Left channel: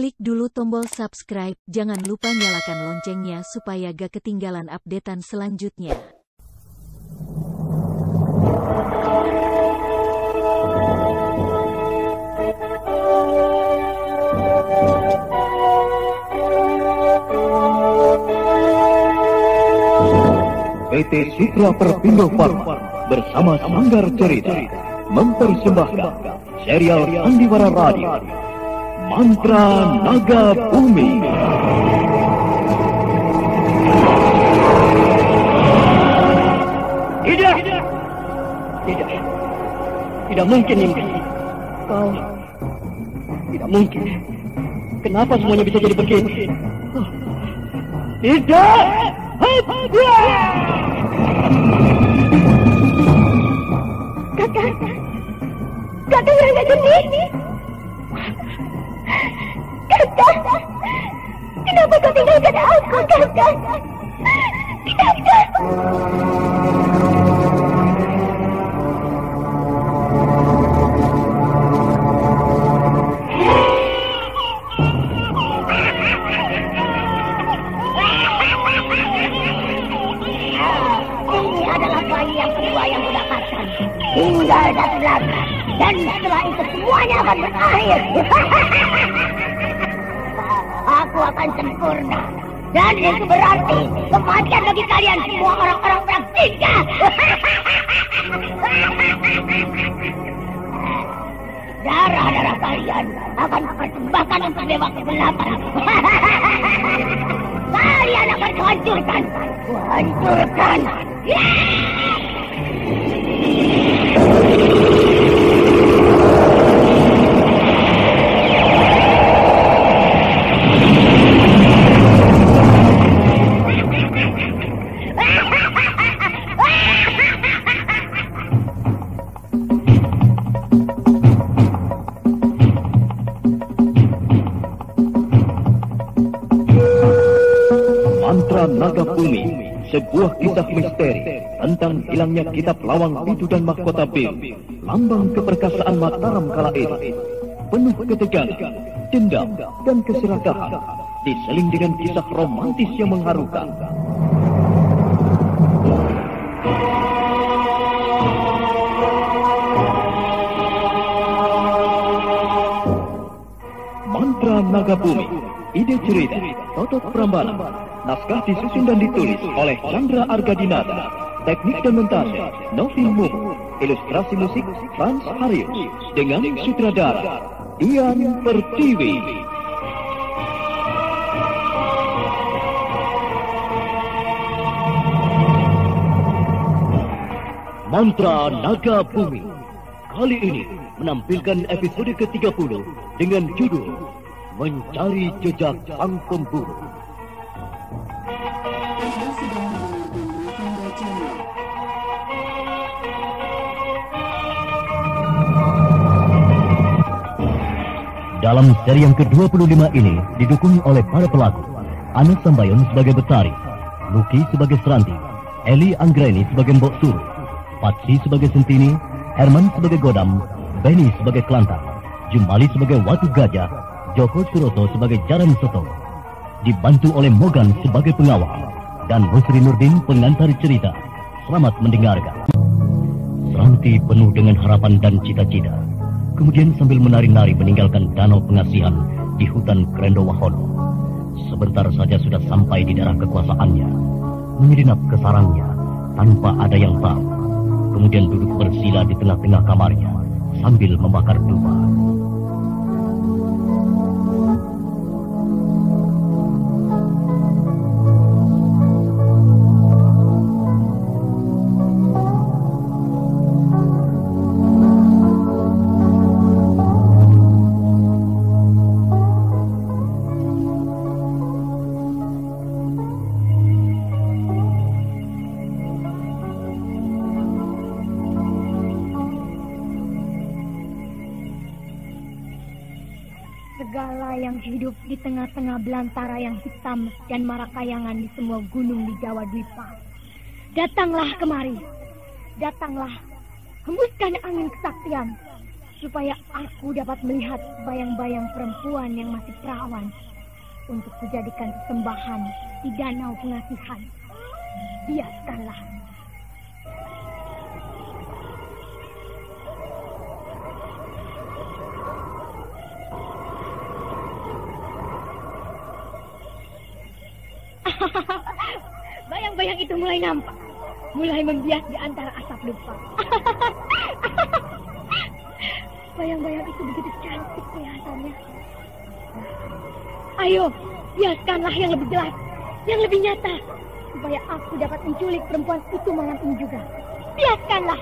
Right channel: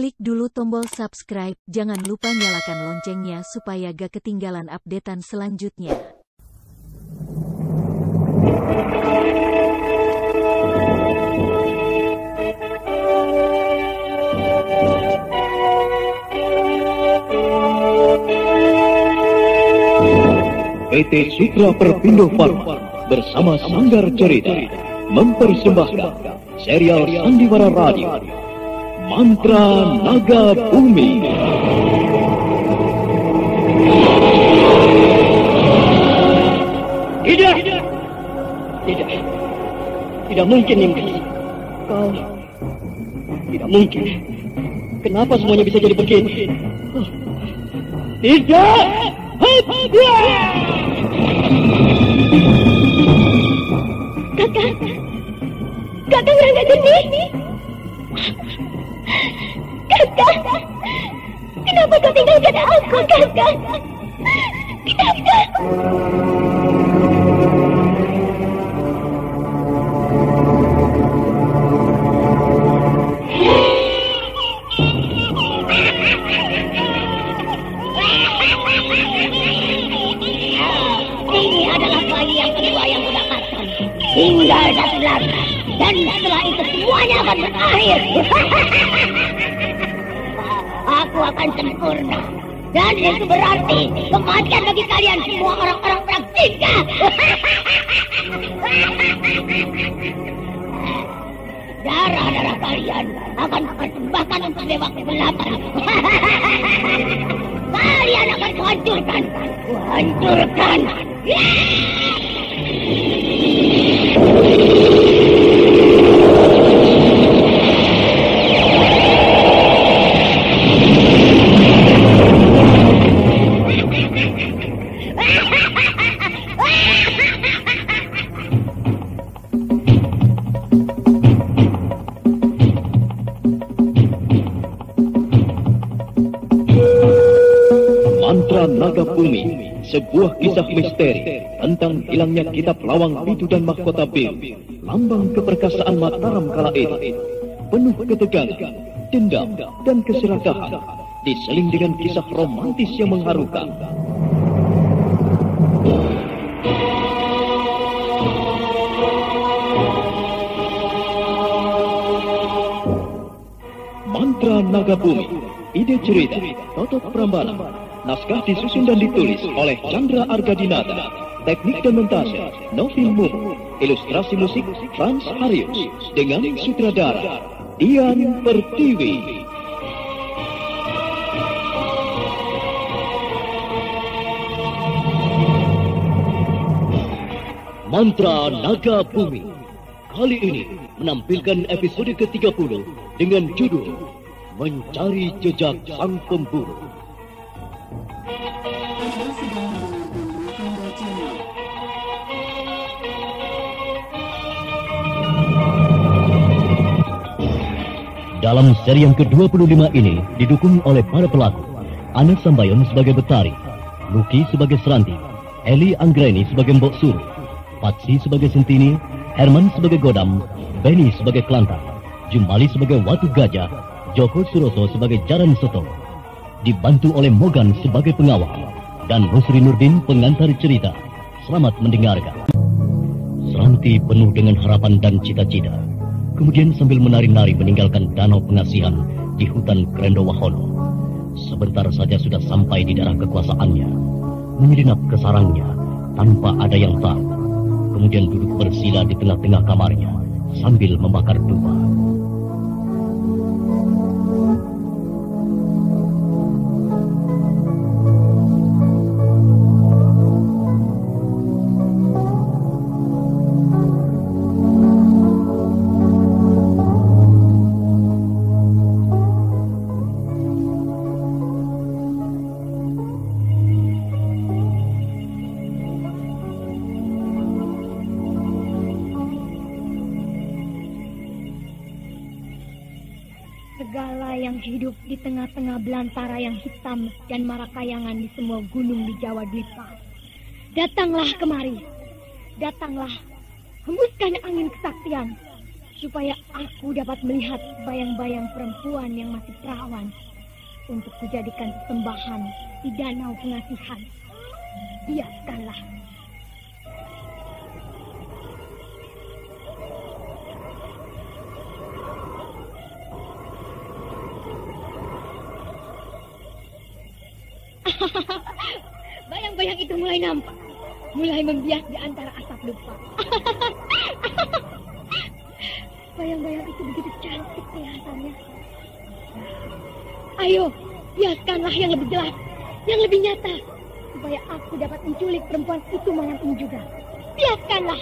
Klik dulu tombol subscribe, jangan lupa nyalakan loncengnya supaya gak ketinggalan updatean selanjutnya. PT Sutra Perpindo Farma bersama Sanggar Cerita mempersembahkan serial Sandiwara Radio Mantra Naga Bumi. Tidak mungkin ini. Kau tidak mungkin. Kenapa semuanya bisa jadi begini? Tidak. Kakak Rangga Geni. Kakak, kenapa kau tinggalkan aku, Kakak? Kakak. Ini adalah bayi yang kedua yang kudapatkan. Tinggal satu lagi. Dan setelah itu semuanya akan berakhir. Aku akan sempurna. Dan itu berarti kematian bagi kalian semua orang-orang praktika. Darah-darah kalian akan kupersembahkan untuk dewa kegelapan. Kalian akan kuhancurkan. Kuhancurkan. Sebuah kisah misteri tentang hilangnya kitab lawang itu dan mahkota Bill, lambang keperkasaan Mataram kala itu. Penuh ketegangan, dendam, dan keserakahan, diseling dengan kisah romantis yang mengharukan. Mantra Naga Bumi, ide cerita, Totot Prambanan. Naskah disusun dan ditulis oleh Chandra Argadinata. Teknik dan montase Novin Muh. Ilustrasi musik Frans Harius. Dengan sutradara Dian Pertiwi. Mantra Naga Bumi kali ini menampilkan episode ke-30 dengan judul Mencari Jejak Sang Pemburu. Anda sedang mendengarkan Revenda Channel. Dalam seri yang ke-25 ini didukung oleh para pelaku Anes Sambayon sebagai Betari, Luki sebagai Seranti, Eli Anggreni sebagai Mbok Suru, Patsi sebagai Sentini, Herman sebagai Godam, Beni sebagai Kelantang, Jumali sebagai Watu Gajah, Joko Suroso sebagai Jaran Soto, dibantu oleh Mogan sebagai pengawal, dan Musri Nurdin pengantar cerita. Selamat mendengarkan. Seranti penuh dengan harapan dan cita-cita. Kemudian sambil menari-nari meninggalkan danau pengasihan di hutan Krendowahono. Sebentar saja sudah sampai di daerah kekuasaannya. Menyelinap ke sarangnya tanpa ada yang tahu. Kemudian duduk bersila di tengah-tengah kamarnya sambil membakar dupa. Segala yang hidup di tengah-tengah belantara yang hitam dan marakayangan di semua gunung di Jawa Dwipa. Datanglah kemari. Datanglah. Hembuskan angin kesaktian. supaya aku dapat melihat bayang-bayang perempuan yang masih perawan untuk dijadikan sesembahan di danau pengasihan. Biaskanlah. Bayang-bayang itu mulai nampak, mulai membias di antara asap dupa. Bayang-bayang itu begitu cantik kelihatannya. Ayo, biaskanlah yang lebih jelas, yang lebih nyata, supaya aku dapat menculik perempuan itu malam ini juga. Biaskanlah.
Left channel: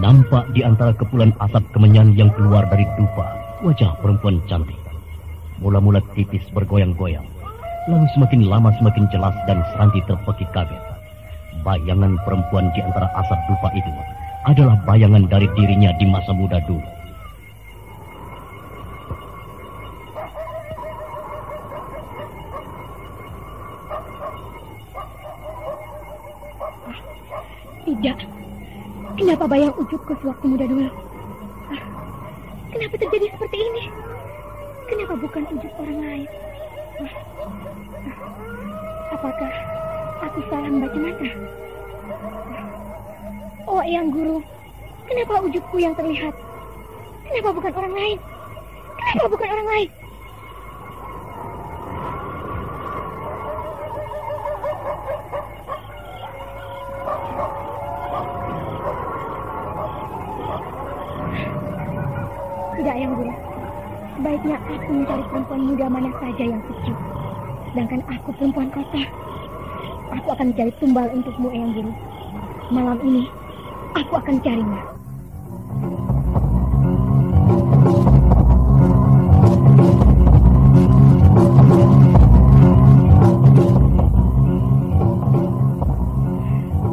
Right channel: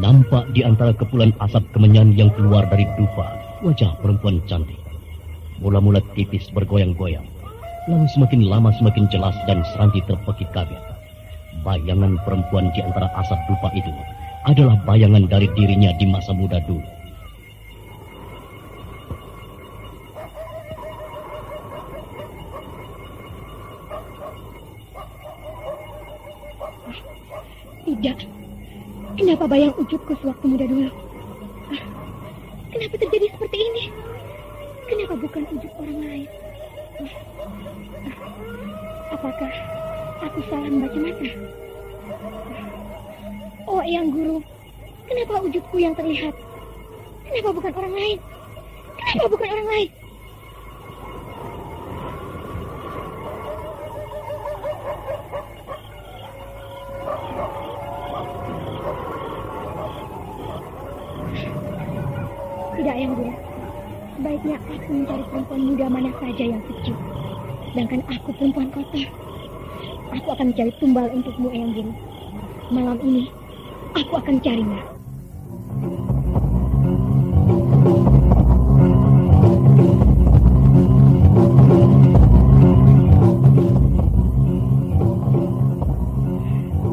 Nampak di antara kepulan asap kemenyan yang keluar dari dupa, wajah perempuan cantik. Mula-mula tipis bergoyang-goyang, lalu semakin lama semakin jelas dan Seranti terpekik kaget. Bayangan perempuan di antara asap dupa itu adalah bayangan dari dirinya di masa muda dulu. Tidak. Kenapa bayang wujudku sewaktu muda dulu? Kenapa terjadi seperti ini? Kenapa bukan wujud orang lain? Apakah aku salah membaca mata? Oh, Eyang Guru, kenapa wujudku yang terlihat? Kenapa bukan orang lain? Kenapa bukan orang lain? Tidak, Eyang Guru. Sebaiknya aku mencari perempuan muda mana saja yang sejuk. Sedangkan aku perempuan kota. Aku akan mencari tumbal untukmu, Eyang Guru. Malam ini, aku akan carinya.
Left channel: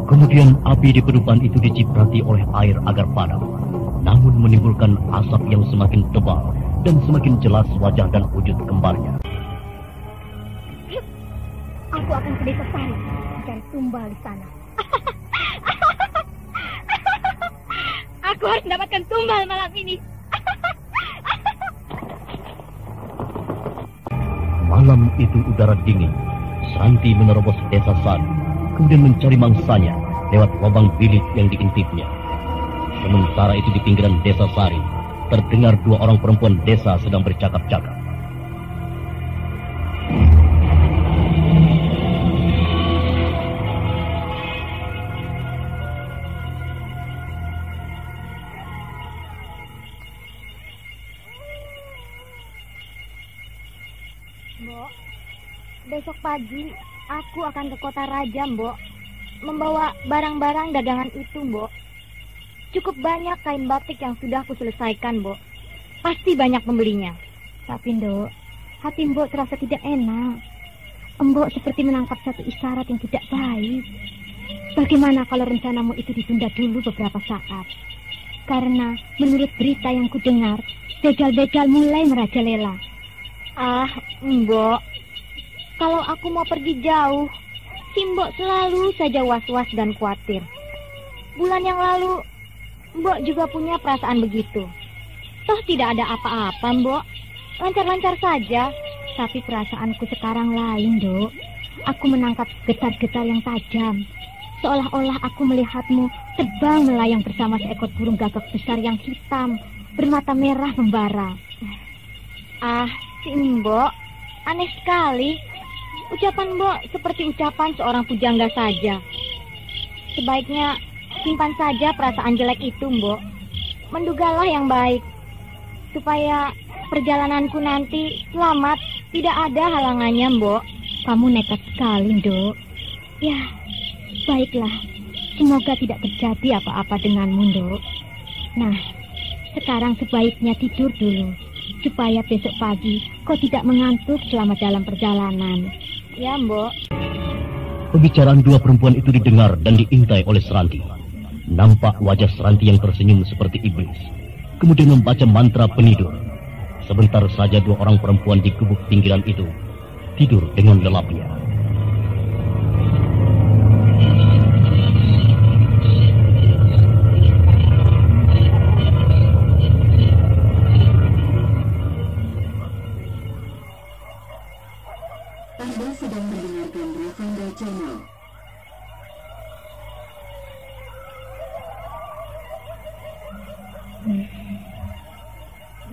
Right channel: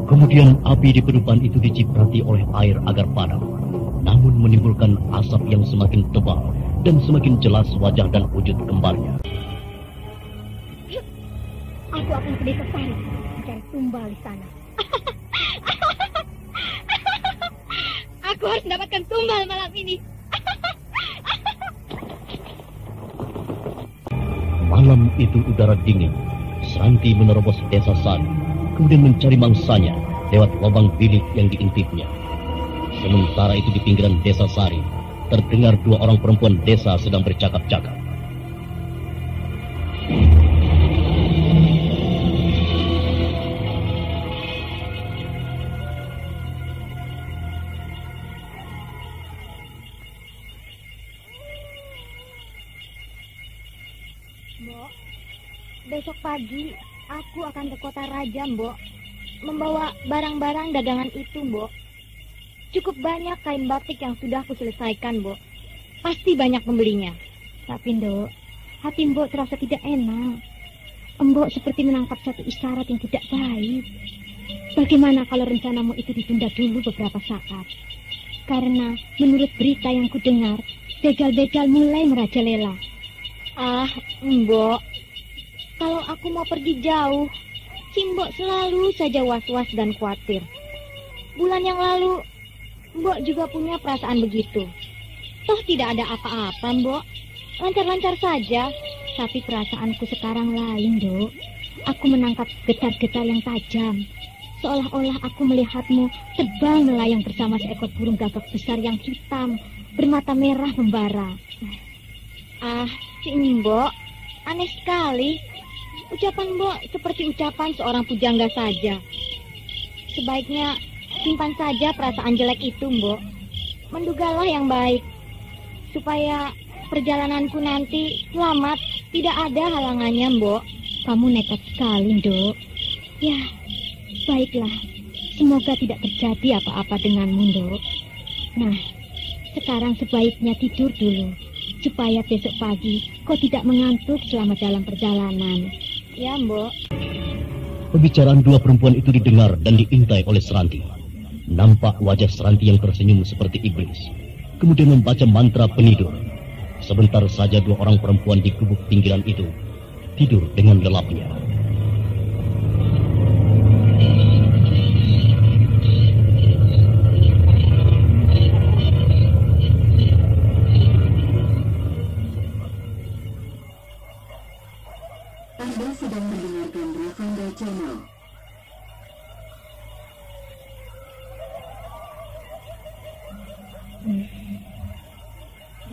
Kemudian api di pedupaan itu diciprati oleh air agar padam, namun menimbulkan asap yang semakin tebal dan semakin jelas wajah dan wujud kembarnya. Aku akan ke Desa Sari mencari tumbal di sana. Aku harus mendapatkan tumbal malam ini. Malam itu udara dingin. Seranti menerobos Desa Sari, kemudian mencari mangsanya lewat lubang bilik yang diintipnya. Sementara itu di pinggiran Desa Sari, terdengar dua orang perempuan desa sedang bercakap-cakap. Mbok, besok pagi aku akan ke kota raja, Mbok. Membawa barang-barang dagangan itu, Mbok. Cukup banyak kain batik yang sudah aku selesaikan, Mbok. Pasti banyak pembelinya. Tapi, Ndok, hati Mbok terasa tidak enak. Mbok seperti menangkap satu isyarat yang tidak baik. Bagaimana kalau rencanamu itu ditunda dulu beberapa saat? Karena menurut berita yang kudengar, begal-begal mulai merajalela. Ah, Mbok, kalau aku mau pergi jauh, si Mbok selalu saja was-was dan khawatir. Bulan yang lalu, Mbok juga punya perasaan begitu. Toh tidak ada apa-apa, Mbok. Lancar-lancar saja. Tapi perasaanku sekarang lain, Dok. Aku menangkap getar-getar yang tajam. Seolah-olah aku melihatmu terbang melayang bersama seekor burung gagak besar yang hitam, bermata merah membara. Ah, si Mbok, aneh sekali. Ucapan Mbok seperti ucapan seorang pujangga saja. Sebaiknya simpan saja perasaan jelek itu, Mbok. Mendugalah yang baik, supaya perjalananku nanti selamat, tidak ada halangannya, Mbok. Kamu nekat sekali, Dok. Ya, baiklah. Semoga tidak terjadi apa-apa denganmu, Dok. Nah, sekarang sebaiknya tidur dulu, supaya besok pagi kau tidak mengantuk selama dalam perjalanan. Ya, Mbok. Pembicaraan dua perempuan itu didengar dan diintai oleh Seranti. Nampak wajah Seranti yang tersenyum seperti iblis, kemudian membaca mantra penidur. Sebentar saja 2 orang perempuan di gubuk pinggiran itu tidur dengan lelapnya. Anda sedang mendengarkan Ravanda Channel.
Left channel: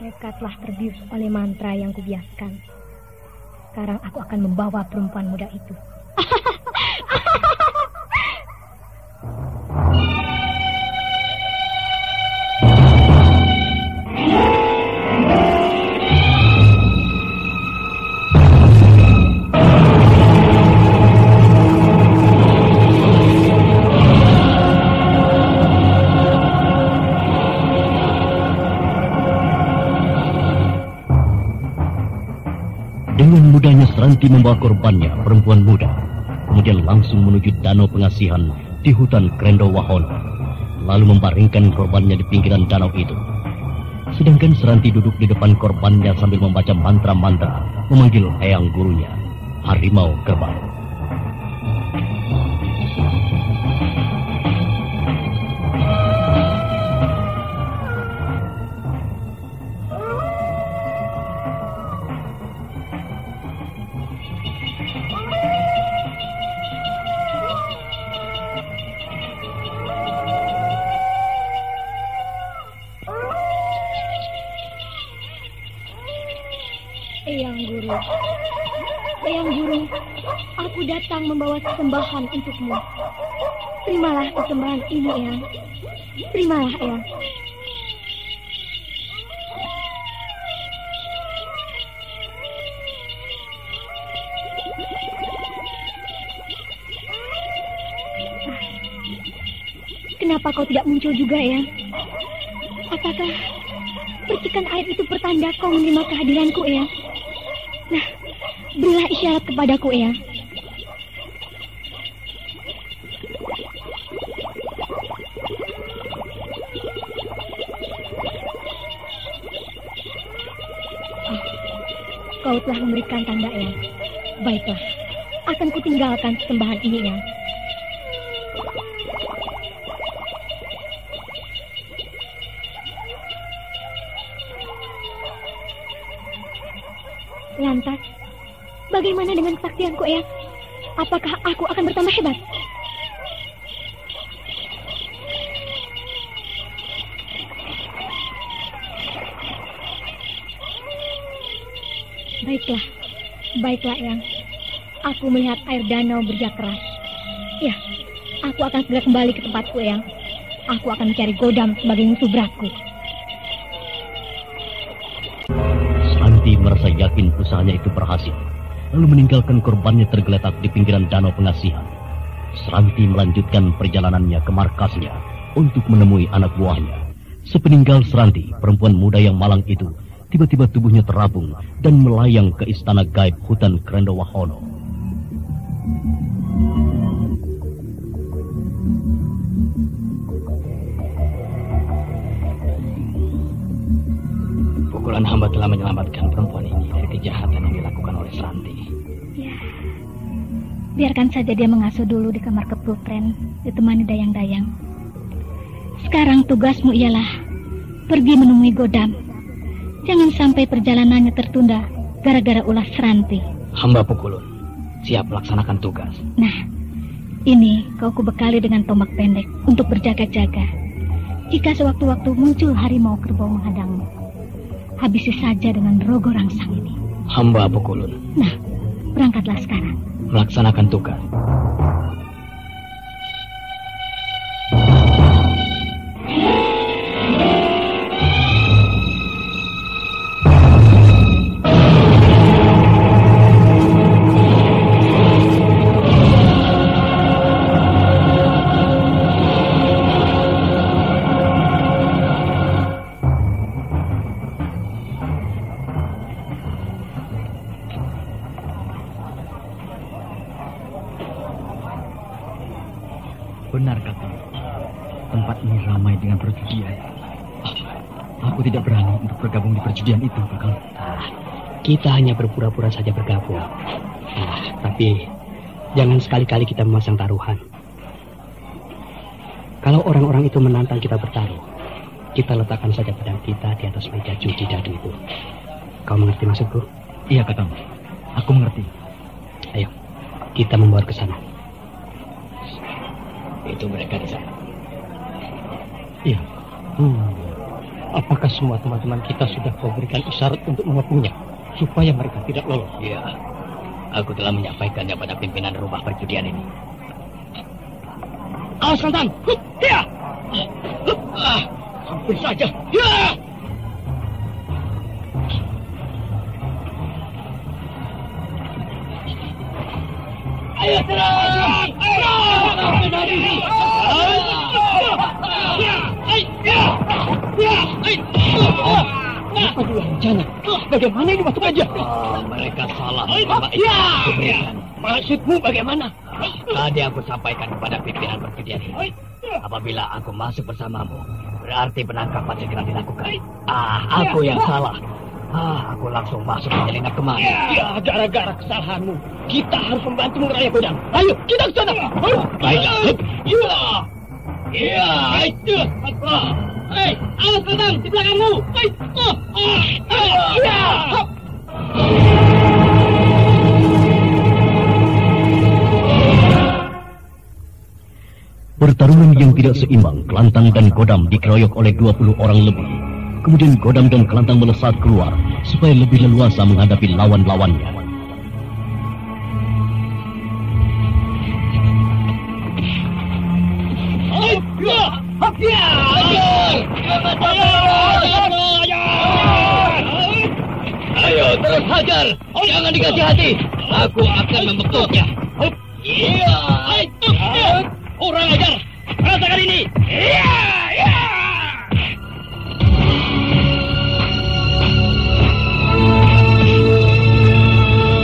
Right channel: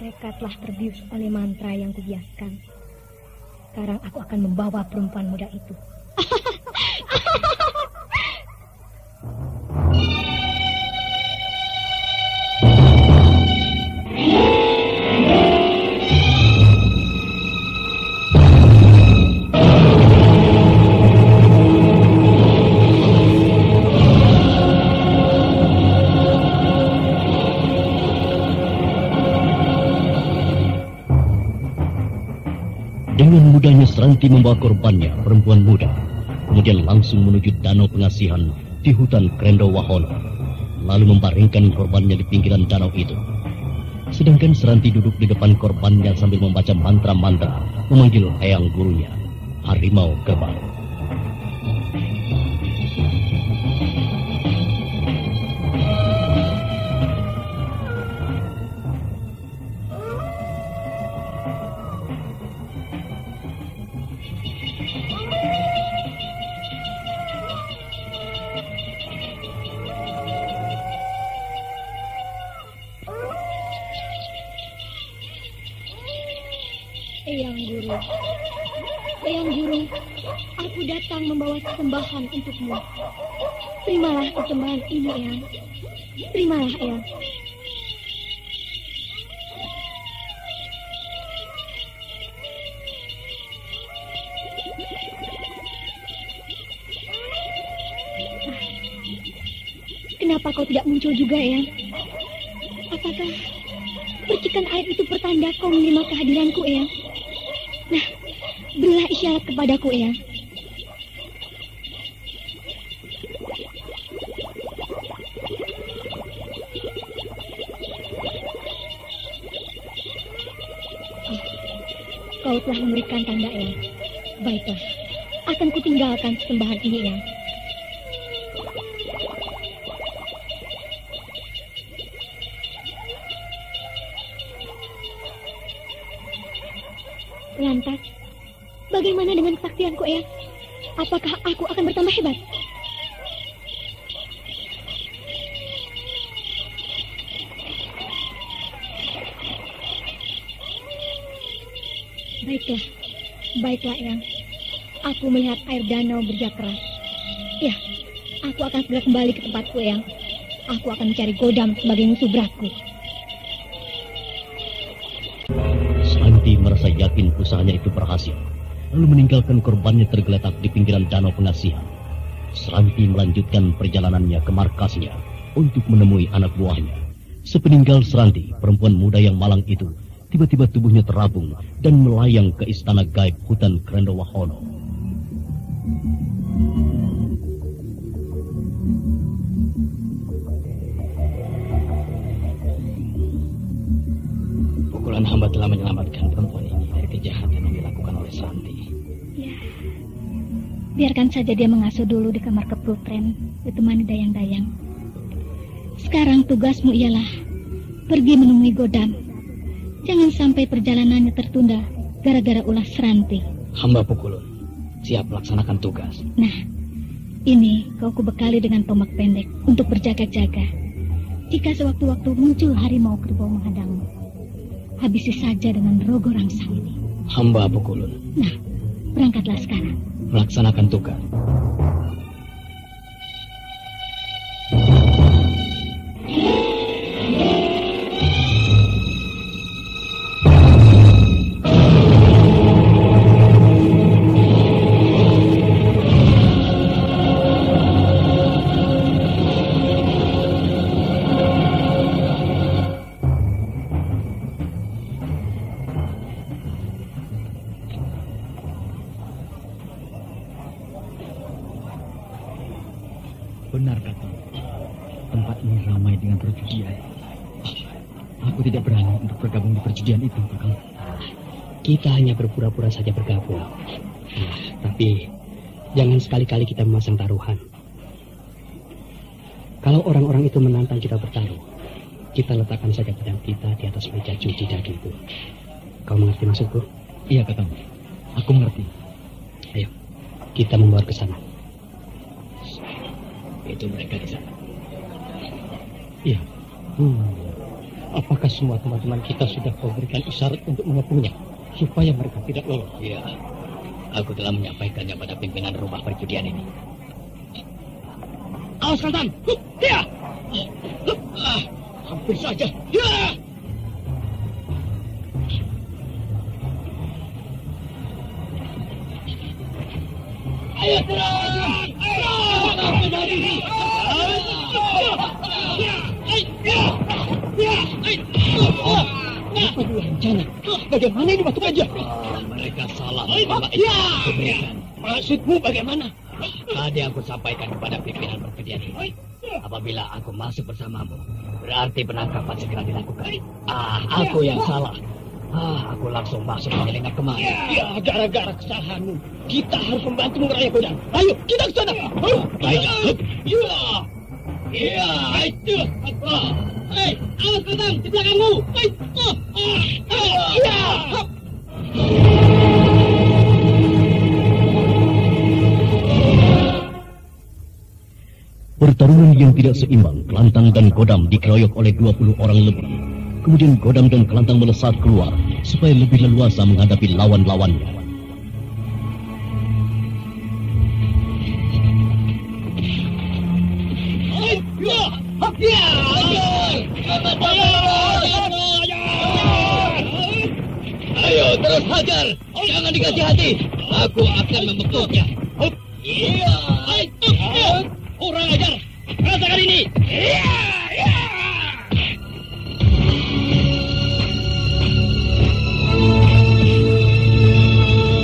Mereka telah terbius oleh mantra yang kubiaskan. Sekarang aku akan membawa perempuan muda itu. Dengan mudahnya Seranti membawa korbannya, perempuan muda, kemudian langsung menuju danau pengasihan di hutan Krendo Wahono, lalu membaringkan korbannya di pinggiran danau itu. Sedangkan Seranti duduk di depan korbannya sambil membaca mantra-mantra, memanggil eyang gurunya, Harimau Kerbau. Eyang Guru, aku datang membawa sesembahan untukmu. Terimalah persembahan ini, Eyang. Terimalah, Eyang. Kenapa kau tidak muncul juga, Eyang? Apakah percikan air itu pertanda kau menerima kehadiranku, Eyang? Nah, berilah isyarat kepadaku, Eyang. Kau telah memberikan tanda, Eyang. Baiklah, akan kutinggalkan sesembahan ini, Eyang. Lantas, bagaimana dengan kesaktianku, Eyang? Apakah aku akan bertambah hebat? Baiklah, Eyang. Aku melihat air danau bergerak keras. Ya, aku akan segera kembali ke tempatku, Eyang. Aku akan mencari Godam sebagai musuh beratku. Seranti merasa yakin usahanya itu berhasil, lalu meninggalkan korbannya tergeletak di pinggiran danau pengasihan. Seranti melanjutkan perjalanannya ke markasnya untuk menemui anak buahnya. Sepeninggal Seranti, perempuan muda yang malang itu tiba-tiba tubuhnya terapung dan melayang ke istana gaib hutan Krendo Wahono. Pukulan hamba telah menyelamatkan perempuan ini dari kejahatan yang dilakukan oleh Seranti. Ya, biarkan saja dia mengasuh dulu di kamar kepultren, ditemani dayang-dayang. Sekarang tugasmu ialah pergi menemui Godam. Jangan sampai perjalanannya tertunda gara-gara ulah Seranti. Hamba Pukulun, siap melaksanakan tugas. Nah, ini kau kubekali dengan tombak pendek untuk berjaga-jaga. Jika sewaktu-waktu muncul harimau kerbau menghadangmu, habisi saja dengan rogo rangsang ini. Hamba Pukulun. Nah, berangkatlah sekarang. Melaksanakan tugas. Benar kata, tempat ini ramai dengan perjudian. Aku tidak berani untuk bergabung di perjudian itu, Kakang. Kita hanya berpura-pura saja bergabung. Tapi jangan sekali-kali kita memasang taruhan. Kalau orang-orang itu menantang kita bertaruh, kita letakkan saja pedang kita di atas meja cuci dadu itu. Kau mengerti maksudku? Iya, Kakang. Aku mengerti. Ayo, kita membawa ke sana. Itu mereka di sana. Iya. Apakah semua teman-teman kita sudah memberikan isyarat untuk mengepungnya supaya mereka tidak lolos? Iya. Aku telah menyampaikannya pada pimpinan rumah perjudian ini. Awas kantang! Ya! Hampir saja. Ya! Ayo serang! Apa dua rencana? Bagaimana ini masuk aja? Mereka salah menerima itu berikan. Maksudmu bagaimana? Tadi aku sampaikan kepada pimpinan perjudian ini. Apabila aku masuk bersamamu, berarti penangkapan segera dilakukan. Aku yang salah. Aku langsung masuk menyelinap kemari. Ya, gara-gara kesalahanmu, kita harus membantu Raya Godam. Ayo, kita ke sana. Baiklah. Hei, awas Godam, di belakangmu. Pertarungan yang tidak seimbang, Kelantang dan Godam dikeroyok oleh 20 orang lebih. Kemudian Godam dan Kelantang melesat keluar supaya lebih leluasa menghadapi lawan-lawannya. Ayo, terus hajar. Jangan dikasih hati. Aku akan membekuknya. Iya. Orang ajar, rasakan ini.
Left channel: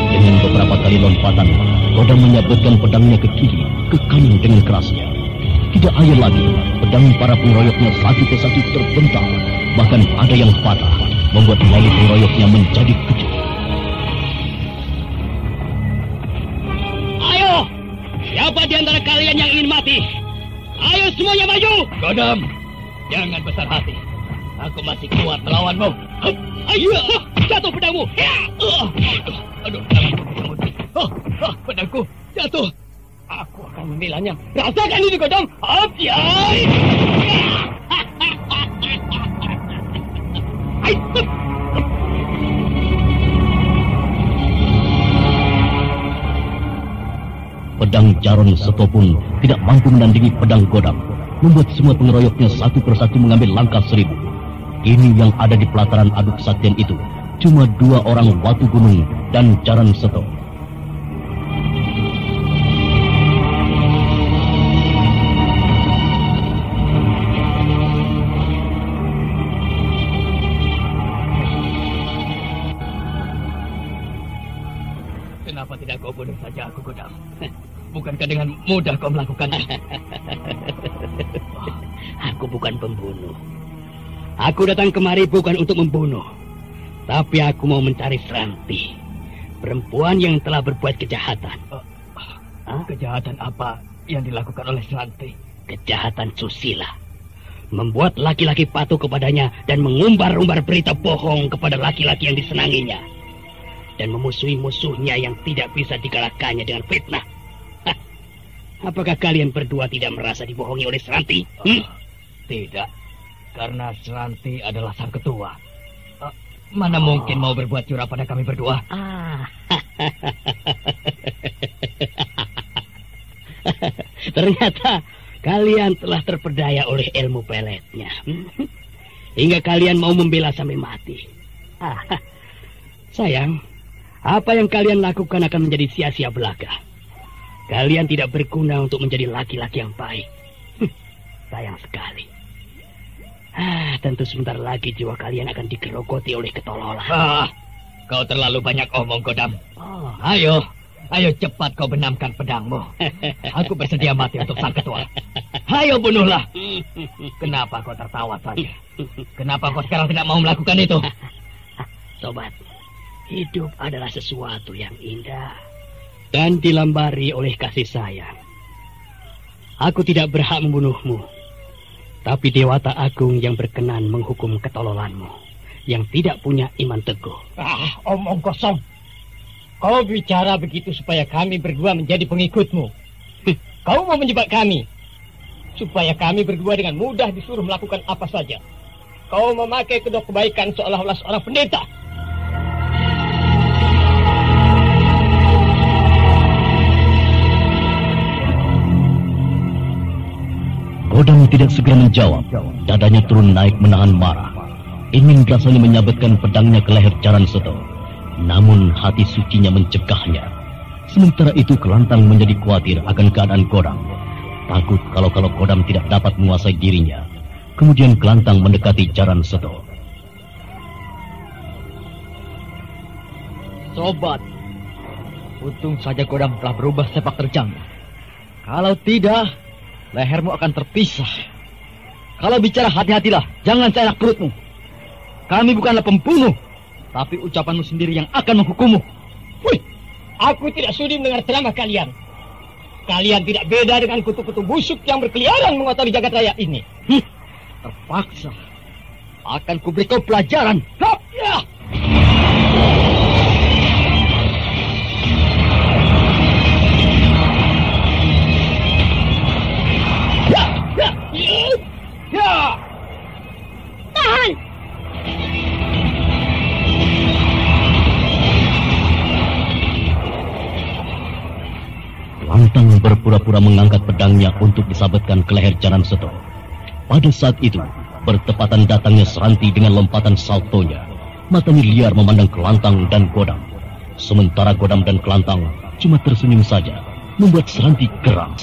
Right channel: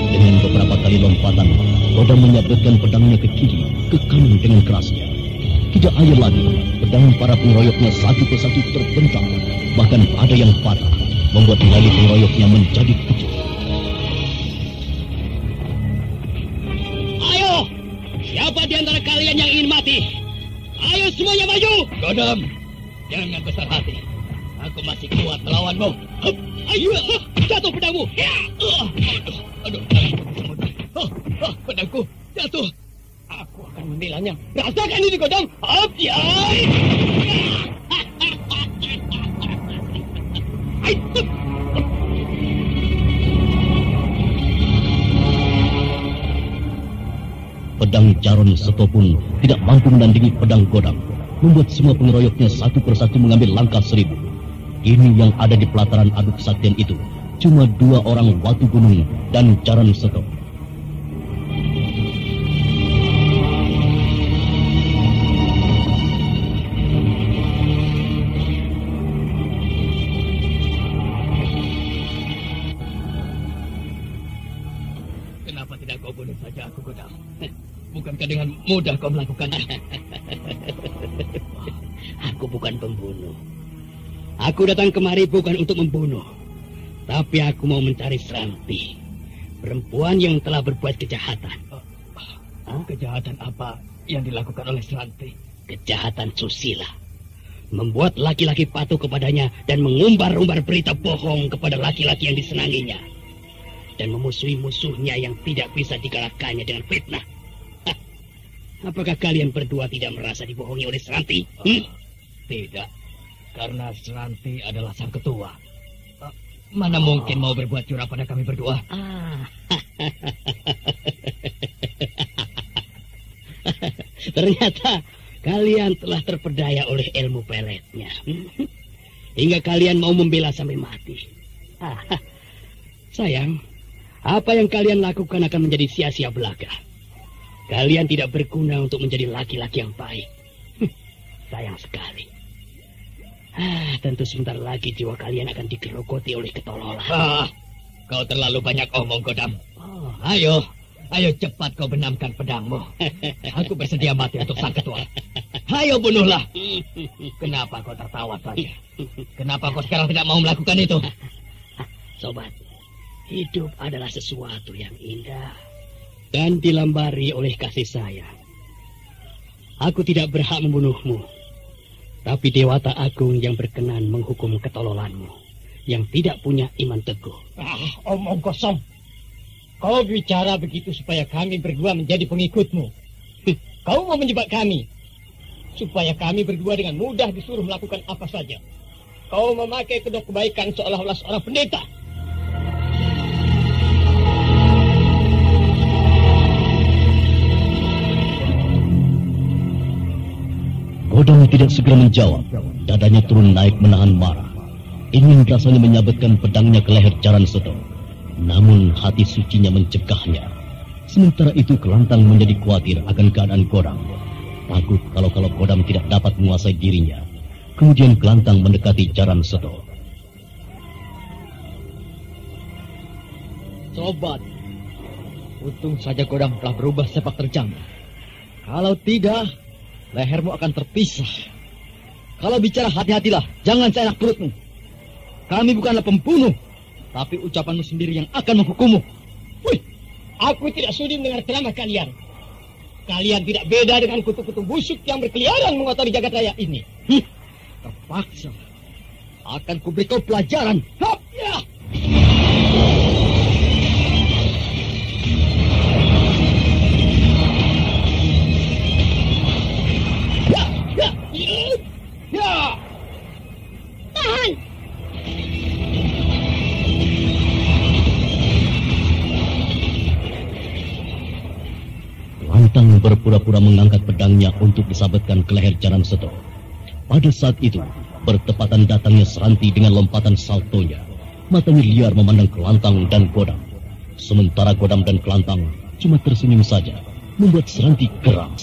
Dengan beberapa kali lompatan, Godam menyabetkan pedangnya ke kiri, ke kanan dengan kerasnya. Tidak ayal lagi, pedang para pengeroyoknya satu persatu terbentak. Bahkan ada yang patah, membuat nyali pengeroyoknya menjadi kecil. Ayo, siapa di antara kalian yang ingin mati? Ayo semuanya maju. Godam, jangan besar hati. Aku masih kuat melawanmu. Ayo, jatuh pedangmu. Aduh, tanganku bisa mati. Pedangku jatuh. Aku akan membelanya. Rasakan ini, Godam. Ya. Pedang Jaron Seto pun tidak mampu menandingi pedang Godam, membuat semua pengeroyoknya satu persatu mengambil langkah 1000. Ini yang ada di pelataran adu kesaktian itu, cuma 2 orang Watu Gunung dan Jaron Seto. Kenapa tidak kau bunuh saja aku, Godam? Bukankah dengan mudah kau melakukannya? Aku bukan pembunuh. Aku datang kemari bukan untuk membunuh. Tapi aku mau mencari Seranti. Perempuan yang telah berbuat kejahatan. Kejahatan apa yang dilakukan oleh Seranti? Kejahatan susila. Membuat laki-laki patuh kepadanya dan mengumbar-umbar berita bohong kepada laki-laki yang disenanginya. Dan memusuhi musuhnya yang tidak bisa dikalahkannya dengan fitnah. Apakah kalian berdua tidak merasa dibohongi oleh Seranti? Tidak, karena Seranti adalah sang ketua. Mana mungkin mau berbuat curang pada kami berdua? Ternyata kalian telah terpedaya oleh ilmu peletnya. Hingga kalian mau membela sampai mati. Sayang, apa yang kalian lakukan akan menjadi sia-sia belaka. Kalian tidak berguna untuk menjadi laki-laki yang baik. Sayang sekali. Tentu sebentar lagi jiwa kalian akan digerogoti oleh ketololan. Kau terlalu banyak omong, Godam. Ayo, Ayo cepat kau benamkan pedangmu. Aku bersedia mati untuk sang ketua. Ayo bunuhlah. Kenapa kau tertawa saja? Kenapa kau sekarang tidak mau melakukan itu? Sobat, hidup adalah sesuatu yang indah dan dilambari oleh kasih sayang. Aku tidak berhak membunuhmu, tapi Dewata Agung yang berkenan menghukum ketololanmu, yang tidak punya iman teguh. Omong kosong. Kau bicara begitu supaya kami berdua menjadi pengikutmu. Kau mau menjebak kami, supaya kami berdua dengan mudah disuruh melakukan apa saja. Kau memakai kedok kebaikan seolah-olah seorang pendeta. Godam tidak segera menjawab. Dadanya turun naik menahan marah. Ingin rasanya menyabetkan pedangnya ke leher Jaran Seto. Namun hati sucinya mencegahnya. Sementara itu Kelantang menjadi khawatir akan keadaan Godam. Takut kalau Godam tidak dapat menguasai dirinya. Kemudian Kelantang mendekati Jaran Seto. Sobat, untung saja Godam telah berubah sepak terjang. Kalau tidak, lehermu akan terpisah. Kalau bicara hati-hatilah, jangan seenak perutmu. Kami bukanlah pembunuh, tapi ucapanmu sendiri yang akan menghukummu. Wih, aku tidak sudi mendengar ceramah kalian. Kalian tidak beda dengan kutu-kutu busuk yang berkeliaran mengotori jagat raya ini. Terpaksa. Akan kuberi kau pelajaran. Ya. Tahan! Kelantang berpura-pura mengangkat pedangnya untuk disabetkan ke leher Jaran Seto. Pada saat itu, bertepatan datangnya Seranti dengan lompatan saltonya. Matanya liar memandang Kelantang dan Godam. Sementara Godam dan Kelantang cuma tersenyum saja, membuat Seranti geram.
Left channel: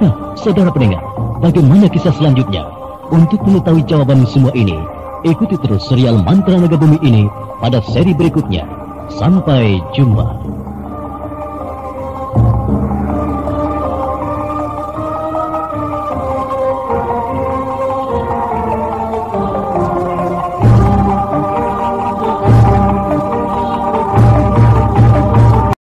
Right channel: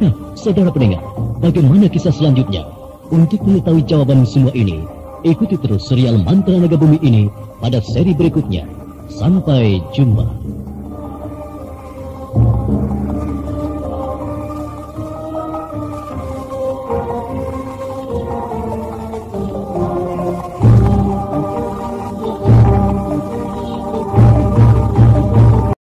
Nah, saudara pendengar, bagaimana kisah selanjutnya? Untuk mengetahui jawaban semua ini, ikuti terus serial Mantra Naga Bumi ini pada seri berikutnya. Sampai jumpa.